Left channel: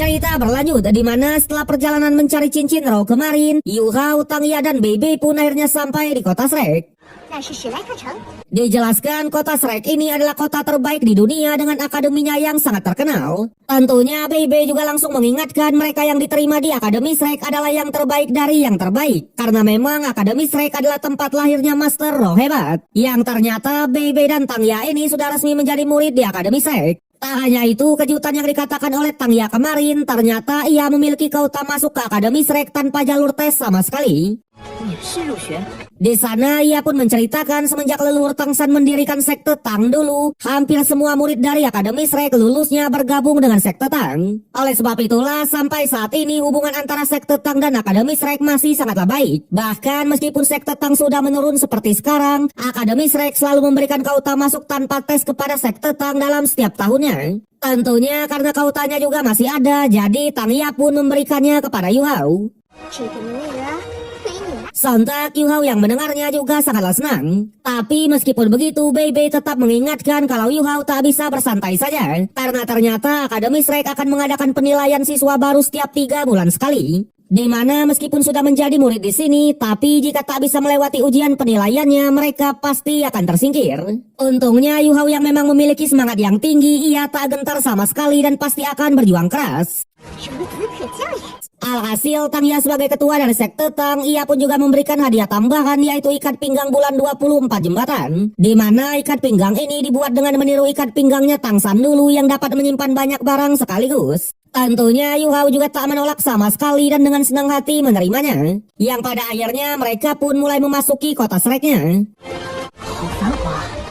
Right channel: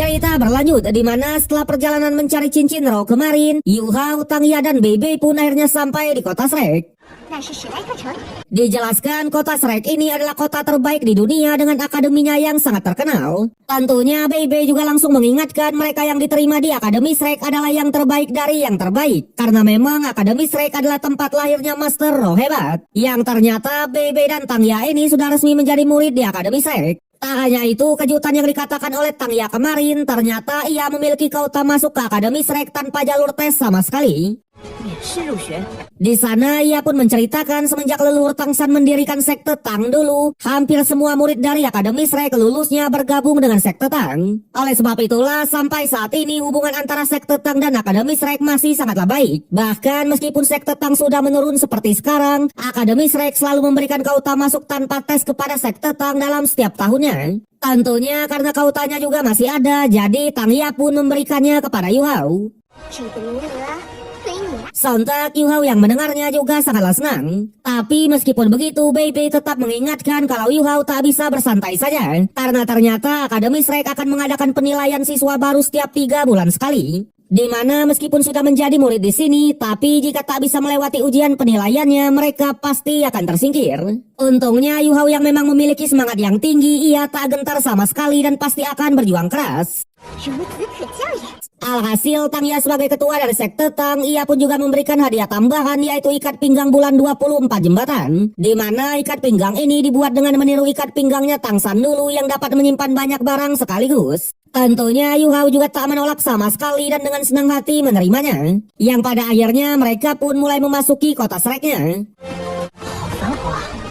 Cerita berlanjut di mana setelah perjalanan mencari cincin Ro kemarin, Yu Hao, Tang Ya, dan Bebe pun akhirnya sampai di kota Shrek. Dijelaskan kota Shrek ini adalah kota terbaik di dunia dengan akademinya yang sangat terkenal. Tentunya Bebe juga langsung mengingatkan mereka yang diterima di Akademi Shrek adalah yang terbaik dari yang terbaik. Karena memang Akademi Shrek adalah tempat lahirnya Master Ro hebat. Yang ternyata Bebe dan Tang Ya ini sudah resmi menjadi murid di Akademi Shrek. Tak hanya itu, kejutan yang dikatakan oleh Tang Ya kemarin, ternyata ia memiliki kuota masuk ke Akademi Shrek tanpa jalur tes sama sekali. Di sana ia pun menceritakan semenjak leluhur Tang San mendirikan sekte Tang dulu, hampir semua murid dari Akademi Shrek lulusnya bergabung dengan sekte Tang. Oleh sebab itulah sampai saat ini hubungan antara sekte Tang dan Akademi Shrek masih sangatlah baik. Bahkan meskipun sekte Tang sudah menurun seperti sekarang, Akademi Shrek selalu memberikan kuota masuk tanpa tes kepada sekte Tang dalam setiap tahunnya. Tentunya karena kautanya juga masih ada, jadi Tang Ya pun memberikannya kepada Yu Hao. Sontak Yu Hao yang mendengarnya juga sangatlah senang. Tapi meskipun begitu, Bebe tetap mengingatkan kalau Yu Hao tak bisa bersantai saja. Karena ternyata Akademi Shrek akan mengadakan penilaian siswa baru setiap 3 bulan sekali. Di mana meskipun sudah menjadi murid di sini, tapi jika tak bisa melewati ujian penilaiannya, mereka pasti akan tersingkir. Untungnya Yu Hao yang memang memiliki semangat yang tinggi, ia tak gentar sama sekali dan pasti akan berjuang keras. Alhasil, Tang Ya sebagai ketua dari sekte Tang, ia pun juga memberikan hadiah tambahan yaitu ikat pinggang bulan 24 jembatan. Di mana ikat pinggang ini dibuat dengan meniru ikat pinggangnya Tang San dulu yang dapat menyimpan banyak barang sekaligus. Tentunya Yu Hao juga tak menolak sama sekali dan dengan senang hati menerimanya. Yang pada akhirnya mereka pun mulai memasuki kota Shreknya.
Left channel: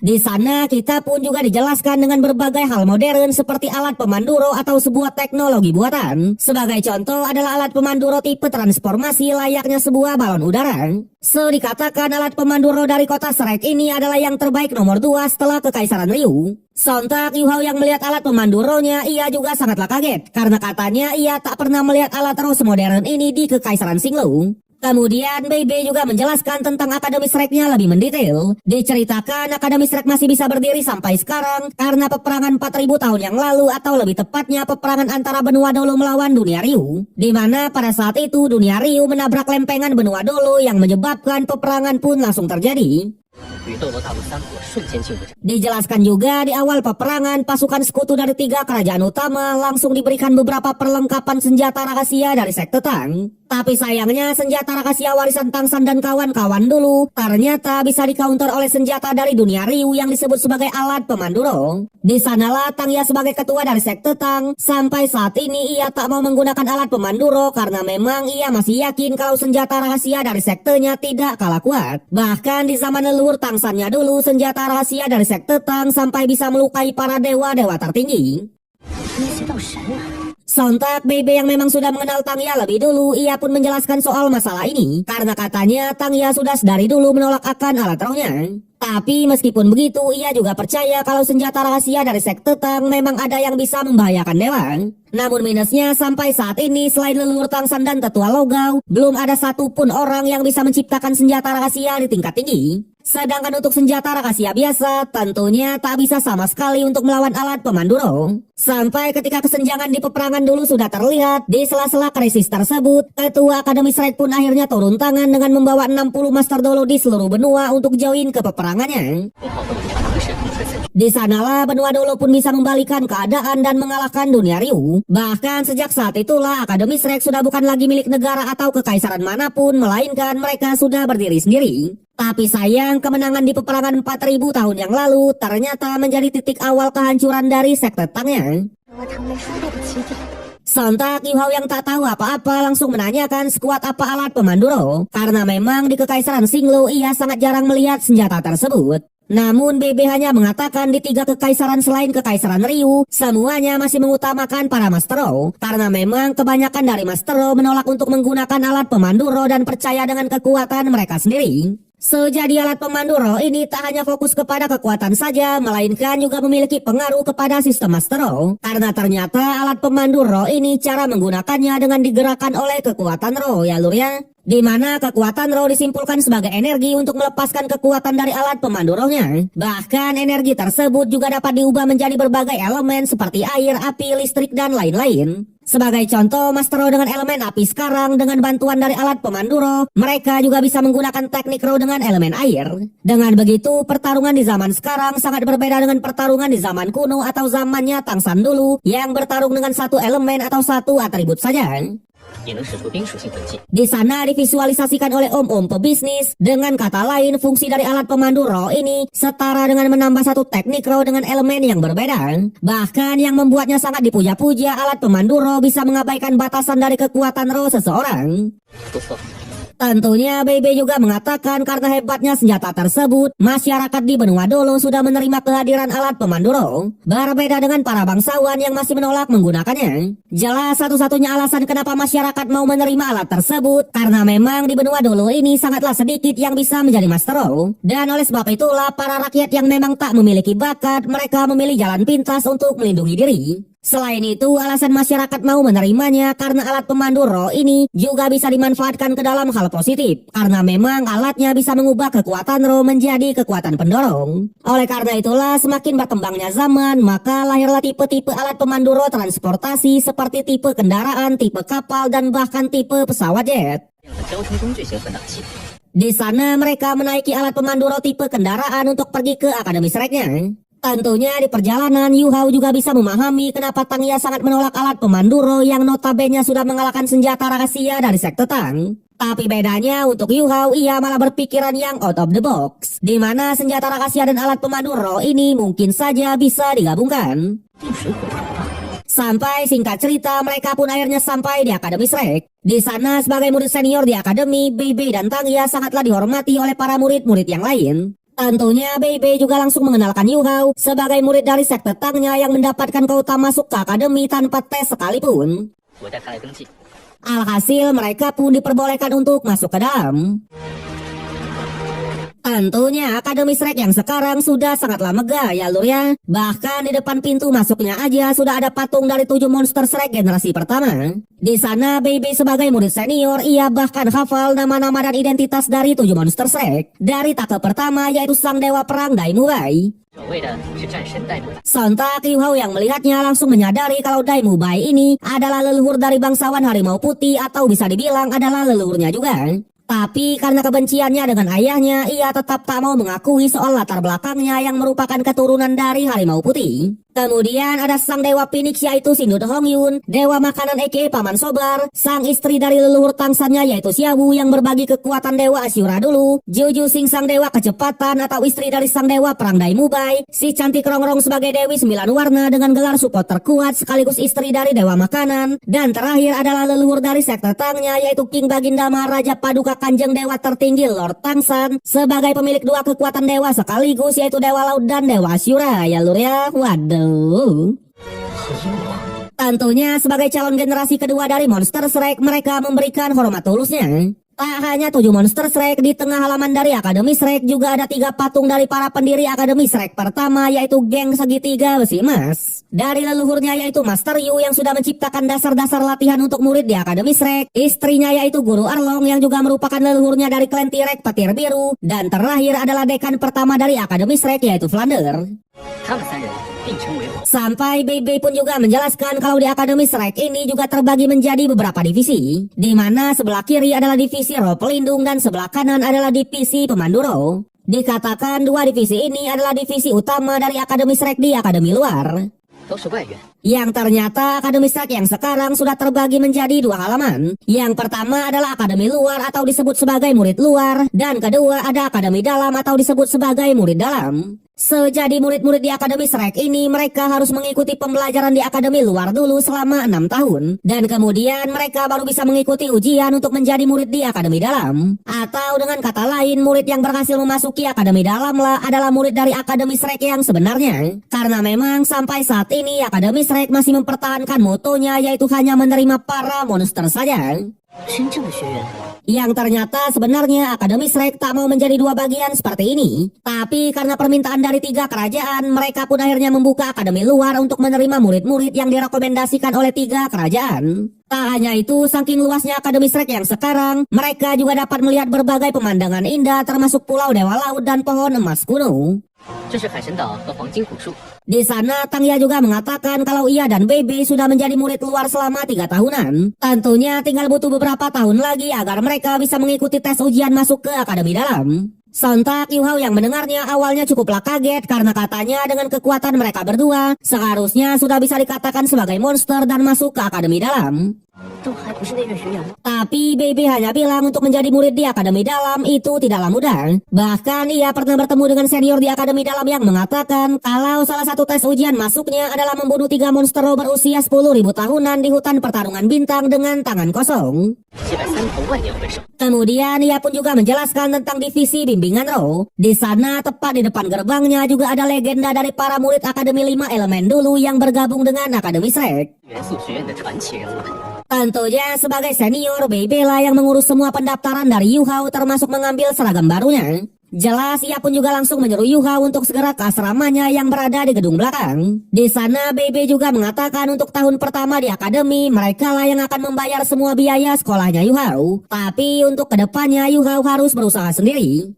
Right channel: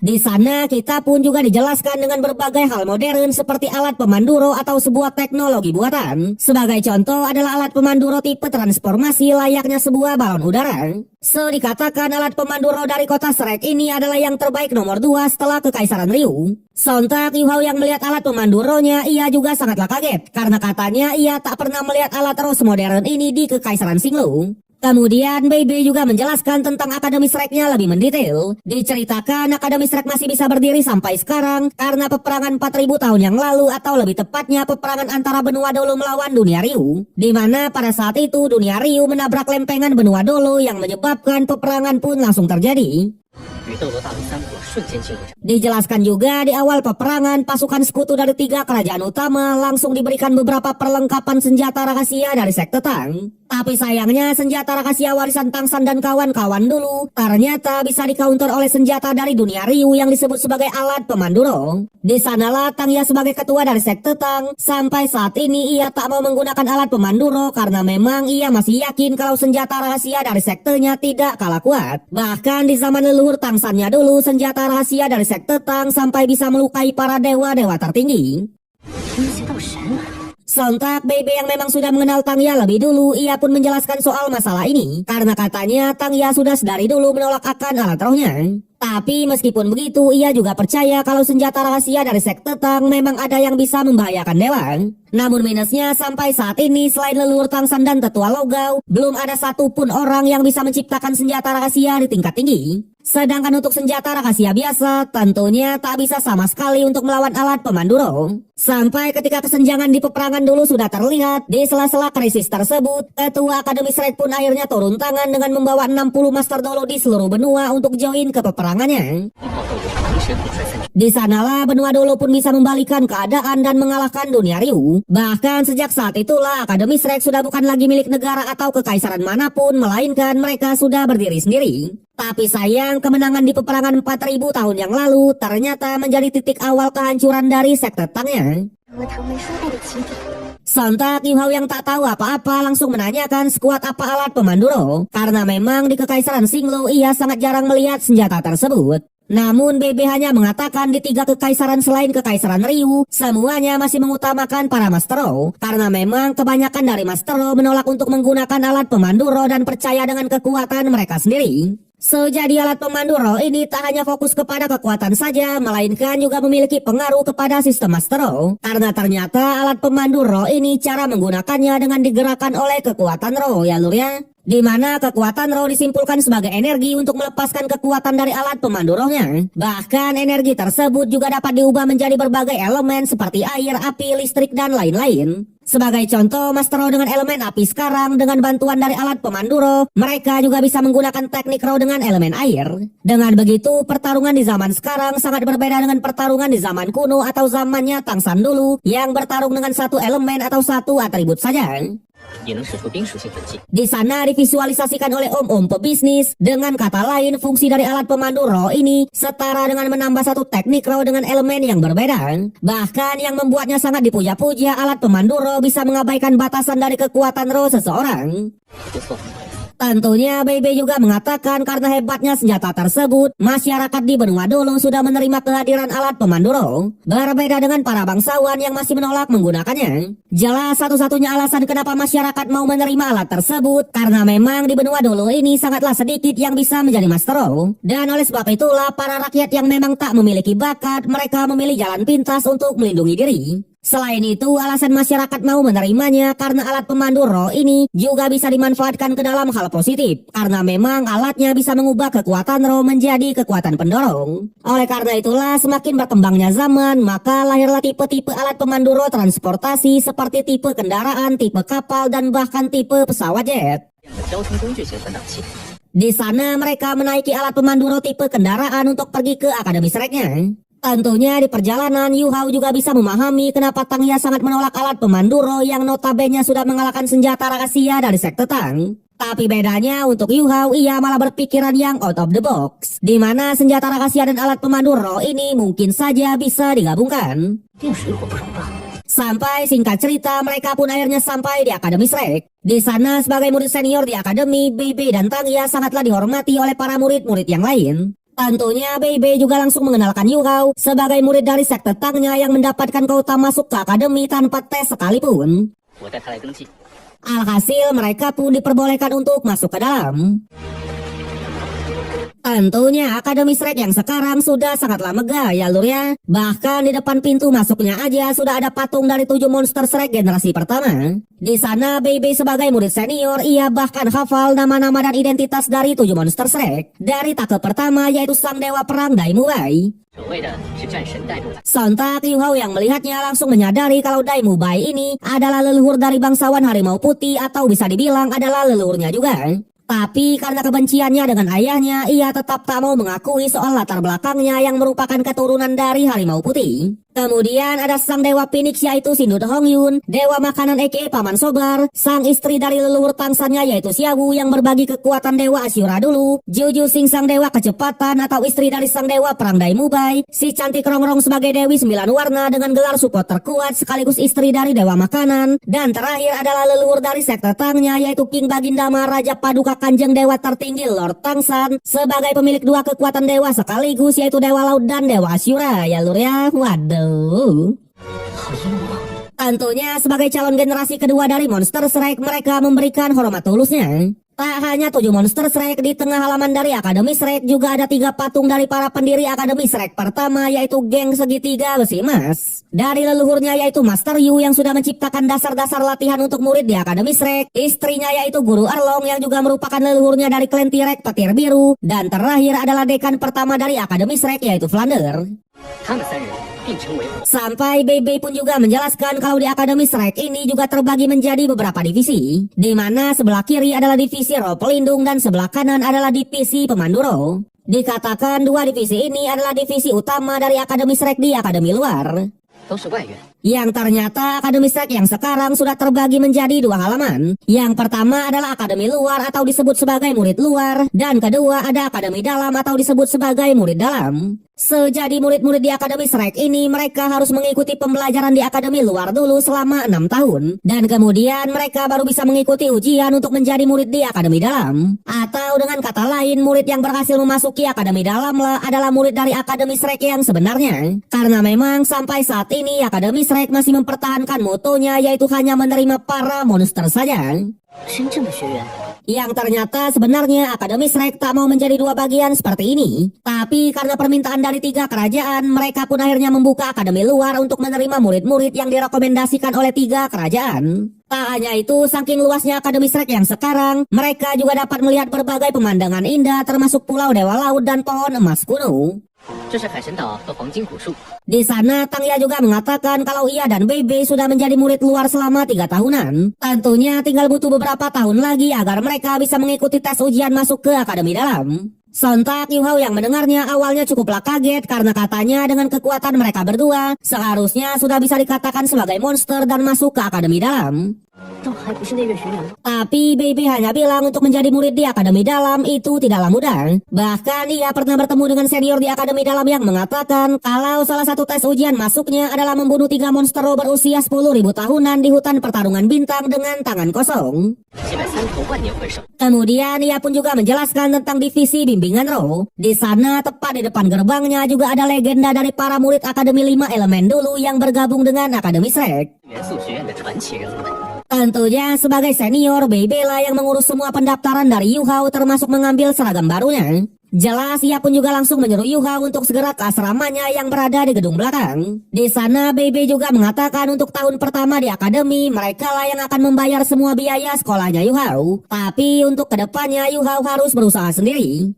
Di sana kita pun juga dijelaskan dengan berbagai hal modern seperti alat pemandu Ro atau sebuah teknologi buatan. Sebagai contoh adalah alat pemandu Ro tipe transformasi layaknya sebuah balon udara. Dikatakan alat pemandu Ro dari kota Shrek ini adalah yang terbaik nomor 2 setelah Kekaisaran Ryu. Sontak Yu Hao yang melihat alat pemandu Ro-nya ia juga sangatlah kaget karena katanya ia tak pernah melihat alat Ro semodern ini di Kekaisaran Xinglu. Kemudian Bebe juga menjelaskan tentang Akademi Shreknya lebih mendetail. Diceritakan Akademi Shrek masih bisa berdiri sampai sekarang karena peperangan 4000 tahun yang lalu atau lebih tepatnya peperangan antara benua Dolo melawan dunia Ryu. Di mana pada saat itu dunia Ryu menabrak lempengan benua Dolo yang menyebabkan peperangan pun langsung terjadi. Dijelaskan juga di awal peperangan pasukan sekutu dari 3 kerajaan utama langsung diberikan beberapa perlengkapan senjata rahasia dari sekte Tang. Tapi sayangnya senjata rahasia warisan Tang San dan kawan-kawan dulu ternyata bisa di-counter oleh senjata dari dunia Ryu yang disebut sebagai alat pemandu Ro. Di sanalah Tang Ya sebagai ketua dari sekte Tang sampai saat ini ia tak mau menggunakan alat pemandu Ro karena memang ia masih yakin kalau senjata rahasia dari sektenya tidak kalah kuat. Bahkan di zaman leluhur Tang San-nya dulu senjata rahasia dari sekte Tang sampai bisa melukai para dewa-dewa tertinggi. Sontak Bebe yang memang sudah mengenal Tang Ya lebih dulu, ia pun menjelaskan soal masalah ini. Karena katanya Tang Ya sudah dari dulu menolak akan alat rohnya. Tapi meskipun begitu, ia juga percaya kalau senjata rahasia dari sekte Tang memang ada yang bisa membahayakan dewa. Namun minusnya sampai saat ini selain leluhur Tang San dan tetua Logao, belum ada satupun orang yang bisa menciptakan senjata rahasia di tingkat tinggi. Sedangkan untuk senjata rahasia biasa, tentunya tak bisa sama sekali untuk melawan alat pemandu Ro. Sampai ketika kesenjangan di peperangan dulu sudah terlihat, di sela-sela krisis tersebut, ketua Akademi Shrek pun akhirnya turun tangan dengan membawa 60 Master Dolo di seluruh benua untuk join ke peperangannya. Di sanalah benua Dolo pun bisa membalikan keadaan dan mengalahkan dunia Ryu. Bahkan sejak saat itulah Akademi Shrek sudah bukan lagi milik negara atau kekaisaran manapun, melainkan mereka sudah berdiri sendiri. Tapi sayang kemenangan di peperangan 4000 tahun yang lalu ternyata menjadi titik awal kehancuran dari sekte Tangnya. Sontak Yu Hao yang tak tahu apa-apa langsung menanyakan sekuat apa alat pemandu Ro. Karena memang di Kekaisaran Xinglu ia sangat jarang melihat senjata tersebut. Namun Bebe hanya mengatakan di 3 kekaisaran selain Kekaisaran Ryu, semuanya masih mengutamakan para Master Ro. Karena memang kebanyakan dari Master Ro menolak untuk menggunakan alat pemandu Ro dan percaya dengan kekuatan mereka sendiri. Jadi alat pemandu Ro ini tak hanya fokus kepada kekuatan saja, melainkan juga memiliki pengaruh kepada sistem Master Ro. Karena ternyata alat pemandu Ro ini cara menggunakannya dengan digerakkan oleh kekuatan Ro, ya lur ya. di mana kekuatan roh disimpulkan sebagai energi untuk melepaskan kekuatan dari alat pemandu rohnya. Bahkan energi tersebut juga dapat diubah menjadi berbagai elemen seperti air, api, listrik, dan lain-lain. Sebagai contoh, Master Roh dengan elemen api sekarang dengan bantuan dari alat pemandu roh, mereka juga bisa menggunakan teknik roh dengan elemen air. Dengan begitu, pertarungan di zaman sekarang sangat berbeda dengan pertarungan di zaman kuno atau zamannya Tangsan dulu yang bertarung dengan satu elemen atau satu atribut saja. Di sana divisualisasikan oleh om-om pebisnis. Dengan kata lain, fungsi dari alat pemandu roh ini setara dengan menambah satu teknik roh dengan elemen yang berbeda. Bahkan yang membuatnya sangat dipuja-puja, alat pemandu roh bisa mengabaikan batasan dari kekuatan roh seseorang. Tentunya BB juga mengatakan karena hebatnya senjata tersebut, masyarakat di benua Dolo sudah menerima kehadiran alat pemandu roh. Berbeda dengan para bangsawan yang masih menolak menggunakannya. Jelas satu-satunya alasan kenapa masyarakat mau menerima alat tersebut, karena memang di benua Dolo ini sangatlah sedikit yang bisa menjadi Master Roh. Dan oleh sebab itulah para rakyat yang memang tak memiliki bakat, mereka memilih jalan pintas untuk melindungi diri. Selain itu, alasan masyarakat mau menerimanya karena alat pemandu roh ini juga bisa dimanfaatkan ke dalam hal positif. Karena memang alatnya bisa mengubah kekuatan roh menjadi kekuatan pendorong. Oleh karena itulah, semakin berkembangnya zaman, maka lahirlah tipe-tipe alat pemandu roh transportasi seperti tipe kendaraan, tipe kapal, dan bahkan tipe pesawat jet. Di sana mereka menaiki alat pemandu roh tipe kendaraan untuk pergi ke Akademi Shreknya. Tentunya di perjalanan, Yu Hao juga bisa memahami kenapa Tang Ya sangat menolak alat pemandu roh yang notabene sudah mengalahkan senjata rahasia dari sekte Tang. Tapi bedanya untuk Yu Hao, ia malah berpikiran yang out of the box, di mana senjata rahasia dan alat pemandu roh ini mungkin saja bisa digabungkan. Sampai singkat cerita, mereka pun akhirnya sampai di Akademi Shrek. Di sana sebagai murid senior di Akademi, BB dan Tang Ya sangatlah dihormati oleh para murid-murid yang lain. Tentunya BB juga langsung mengenalkan Yu Hao sebagai murid dari sekte Tangnya yang mendapatkan kuota masuk ke akademi tanpa tes sekalipun. Alhasil mereka pun diperbolehkan untuk masuk ke dalam. Tentunya Akademi Shrek yang sekarang sudah sangatlah megah ya lur ya. Bahkan di depan pintu masuknya aja sudah ada patung dari 7 monster Shrek generasi pertama. Di sana BB sebagai murid senior, ia bahkan hafal nama-nama dan identitas dari 7 monster Shrek. Dari take pertama yaitu sang dewa perang Daimu Bai. Sontak Yu Hao yang melihatnya langsung menyadari kalau Daimu Bai ini adalah leluhur dari bangsawan harimau putih atau bisa dibilang adalah leluhurnya juga. Tapi karena kebenciannya dengan ayahnya, ia tetap tak mau mengakui soal latar belakangnya yang merupakan keturunan dari harimau putih. Kemudian ada sang dewa Phoenix yaitu Sindut Hongyun, dewa makanan aka Paman Sobar, sang istri dari leluhur Tangsannya yaitu Xiaowu yang berbagi kekuatan dewa Asyura dulu, Juju Sing sang dewa kecepatan atau istri dari sang dewa perang Daimu Bai, si cantik Rongrong sebagai Dewi 9 warna dengan gelar support terkuat sekaligus istri dari dewa makanan, dan terakhir adalah leluhur dari sekte Tangnya yaitu King Baginda Maharaja Paduka Kanjeng dewa tertinggi Lord Tangsan sebagai pemilik 2 kekuatan dewa sekaligus yaitu dewa laut dan dewa Asyura ya lur ya. Waduh. Tentunya sebagai calon generasi kedua dari monster Shrek, mereka memberikan hormat tulusnya. Tak hanya 7 monster Shrek, di tengah halaman dari Akademi Shrek juga ada 3 patung dari para pendiri Akademi Shrek pertama yaitu geng segitiga besi emas. Dari leluhurnya yaitu Master Yu yang sudah menciptakan dasar-dasar latihan untuk murid di Akademi Shrek, istrinya yaitu Guru Erlong yang juga merupakan leluhurnya dari klan T-Rex Petir Biru, dan terakhir adalah dekan pertama dari Akademi Shrek yaitu Flounder. Sampai BB pun juga menjelaskan kalau di Akademi Shrek ini juga terbagi menjadi beberapa divisi, di mana sebelah kiri adalah divisi roh pelindung dan sebelah kanan adalah divisi pemandu roh. Dikatakan 2 divisi ini adalah divisi utama dari Akademi Shrek di Akademi luar. Yang ternyata Akademi Shrek yang sekarang sudah terbagi menjadi 2 halaman. Yang pertama adalah Akademi luar atau disebut sebagai murid luar, dan kedua ada Akademi dalam atau disebut sebagai murid dalam. Sejadi murid-murid di Akademi Shrek ini mereka harus mengikuti pembelajaran di Akademi luar dulu selama 6 tahun. Dan kemudian mereka baru bisa mengikuti ujian untuk menjadi murid di Akademi dalam. Atau dengan kata lain, murid yang berhasil memasuki Akademi dalam lah adalah murid dari Akademi Shrek yang sebenarnya. Karena memang sampai saat ini Akademi Shrek masih mempertahankan motonya yaitu hanya menerima para monster saja. Yang ternyata sebenarnya Akademi Shrek tak mau menjadi 2 bagian seperti ini. Tapi karena permintaan dari 3 kerajaan, mereka pun akhirnya membuka Akademi luar untuk menerima murid-murid yang direkomendasikan oleh 3 kerajaan. Tak hanya itu, saking luasnya Akademi Shrek yang sekarang, mereka juga dapat melihat berbagai pemandangan indah termasuk pulau dewa laut dan pohon emas kuno. Di sana, Tangya juga mengatakan kalau ia dan Bebe sudah menjadi murid luar selama 3 tahunan. Tentunya tinggal butuh beberapa tahun lagi agar mereka bisa mengikuti tes ujian masuk ke Akademi Dalam. Sontak Yu Hao yang mendengarnya awalnya cukuplah kaget karena katanya dengan kekuatan mereka berdua, seharusnya sudah bisa dikatakan sebagai monster dan masuk ke Akademi Dalam. Tapi Bebe hanya bilang untuk menjadi murid di Akademi Dalam itu tidaklah mudah. Bahkan ia pernah bertemu dengan senior di Akademi Dalam yang mengatakan kalau salah satu tes ujian masuknya adalah membunuh 3 monster berusia 10.000 tahunan di hutan pertarungan bintang dengan tangan kosong. Kemudian ia pun juga menjelaskan tentang divisi bimbingan roh. Di sana tepat di depan gerbangnya juga ada legenda dari para murid Akademi 5 Elemen dulu yang bergabung dengan Akademi Shrek. Tentunya sebagai senior, Bebe lah yang mengurus semua pendaftaran dari Yu Hao termasuk mengambil seragam barunya. Jelas ia pun juga langsung menyuruh Yu Hao untuk segera ke asramanya yang berada di gedung belakang. Di sana Bebe juga mengatakan untuk tahun pertama di akademi mereka lah yang akan membayar semua biaya sekolahnya Yu Hao. Tapi untuk kedepannya Yu Hao harus berusaha sendiri.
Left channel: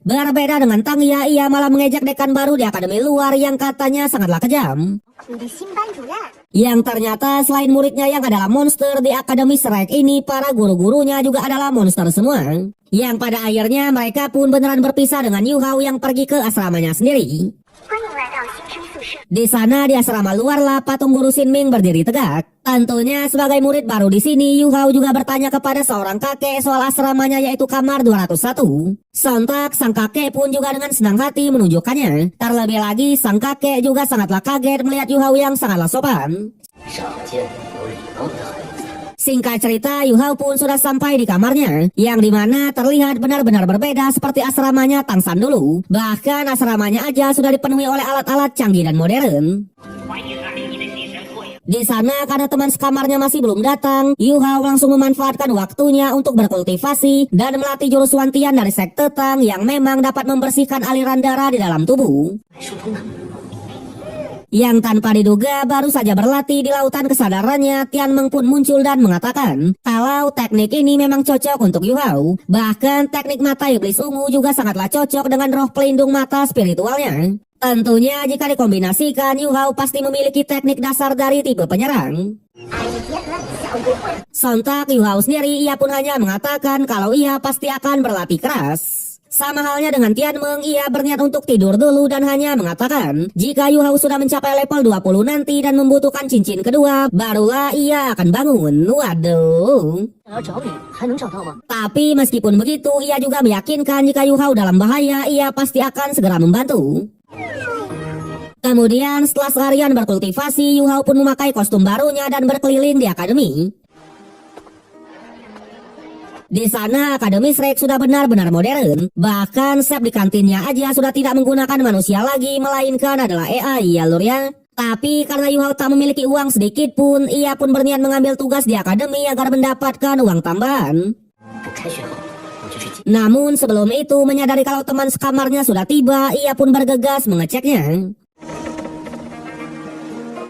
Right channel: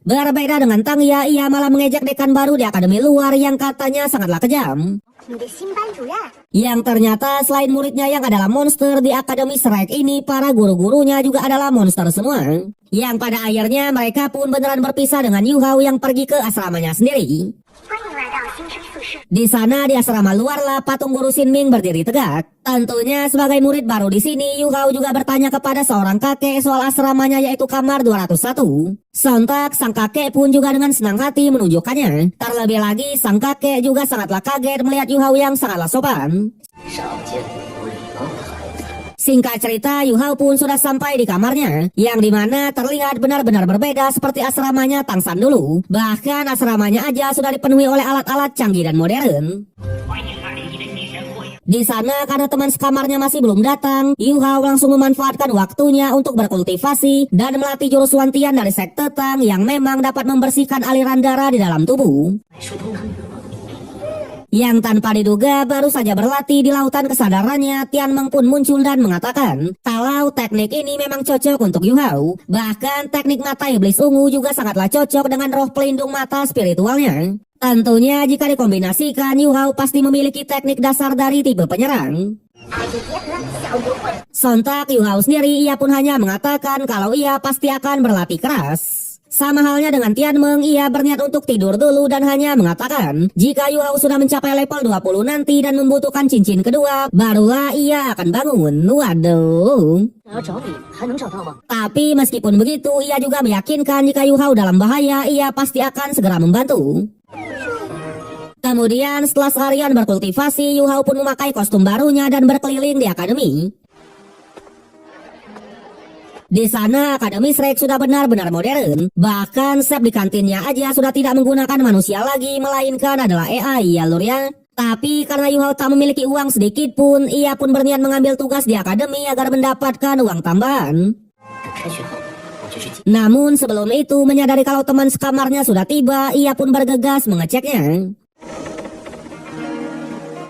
Berbeda dengan Tangya, ia malah mengejek dekan baru di akademi luar yang katanya sangatlah kejam. Yang ternyata selain muridnya yang adalah monster di Akademi Shrek ini, para guru-gurunya juga adalah monster semua. Yang pada akhirnya mereka pun beneran berpisah dengan Yu Hao yang pergi ke asramanya sendiri. Di sana di asrama luar lah patung guru Xinming berdiri tegak. Tentunya sebagai murid baru di sini, Yu Hao juga bertanya kepada seorang kakek soal asramanya yaitu kamar 201. Sontak sang kakek pun juga dengan senang hati menunjukkannya. Terlebih lagi sang kakek juga sangatlah kaget melihat Yu Hao yang sangatlah sopan. Singkat cerita, Yu Hao pun sudah sampai di kamarnya, yang dimana terlihat benar-benar berbeda seperti asramanya Tang San dulu. Bahkan asramanya aja sudah dipenuhi oleh alat-alat canggih dan modern. Di sana karena teman sekamarnya masih belum datang, Yu Hao langsung memanfaatkan waktunya untuk berkultivasi dan melatih jurus Wantian dari sekte Tang yang memang dapat membersihkan aliran darah di dalam tubuh. Yang tanpa diduga baru saja berlatih di lautan kesadarannya, Tian Meng pun muncul dan mengatakan kalau teknik ini memang cocok untuk Yu Hao. Bahkan teknik mata iblis ungu juga sangatlah cocok dengan roh pelindung mata spiritualnya. Tentunya jika dikombinasikan, Yu Hao pasti memiliki teknik dasar dari tipe penyerang. Sontak Yu Hao sendiri ia pun hanya mengatakan kalau ia pasti akan berlatih keras. Sama halnya dengan Tian Meng, ia berniat untuk tidur dulu dan hanya mengatakan jika Yu Hao sudah mencapai level 20 nanti dan membutuhkan cincin kedua, barulah ia akan bangun. Waduh. Tapi meskipun begitu, ia juga meyakinkan jika Yu Hao dalam bahaya, ia pasti akan segera membantu. Kemudian setelah seharian berkultivasi, Yu Hao pun memakai kostum barunya dan berkeliling di akademi. Di sana Akademi Shrek sudah benar-benar modern. Bahkan chef di kantinnya aja sudah tidak menggunakan manusia lagi, melainkan adalah AI ya lur ya. Tapi karena Yu Hao tak memiliki uang sedikit pun, ia pun berniat mengambil tugas di akademi agar mendapatkan uang tambahan. Namun sebelum itu menyadari kalau teman sekamarnya sudah tiba, ia pun bergegas mengeceknya.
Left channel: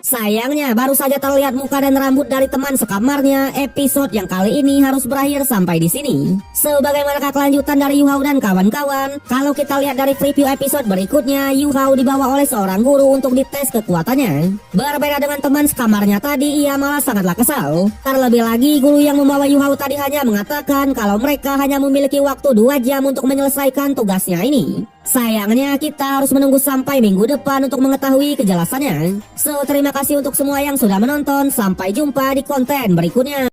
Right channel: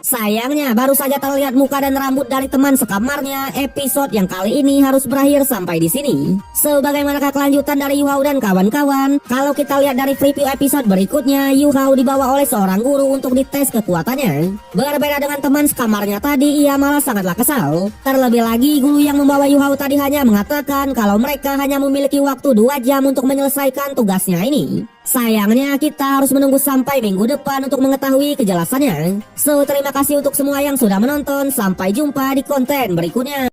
Sayangnya baru saja terlihat muka dan rambut dari teman sekamarnya. Episode yang kali ini harus berakhir sampai di sini. Sebagaimanakah kelanjutan dari Yu Hao dan kawan-kawan? Kalau kita lihat dari preview episode berikutnya, Yu Hao dibawa oleh seorang guru untuk dites kekuatannya. Berbeda dengan teman sekamarnya tadi, ia malah sangatlah kesal. Terlebih lagi guru yang membawa Yu Hao tadi hanya mengatakan kalau mereka hanya memiliki waktu 2 jam untuk menyelesaikan tugasnya ini. Sayangnya kita harus menunggu sampai minggu depan untuk mengetahui kejelasannya. So, terima kasih untuk semua yang sudah menonton. Sampai jumpa di konten berikutnya.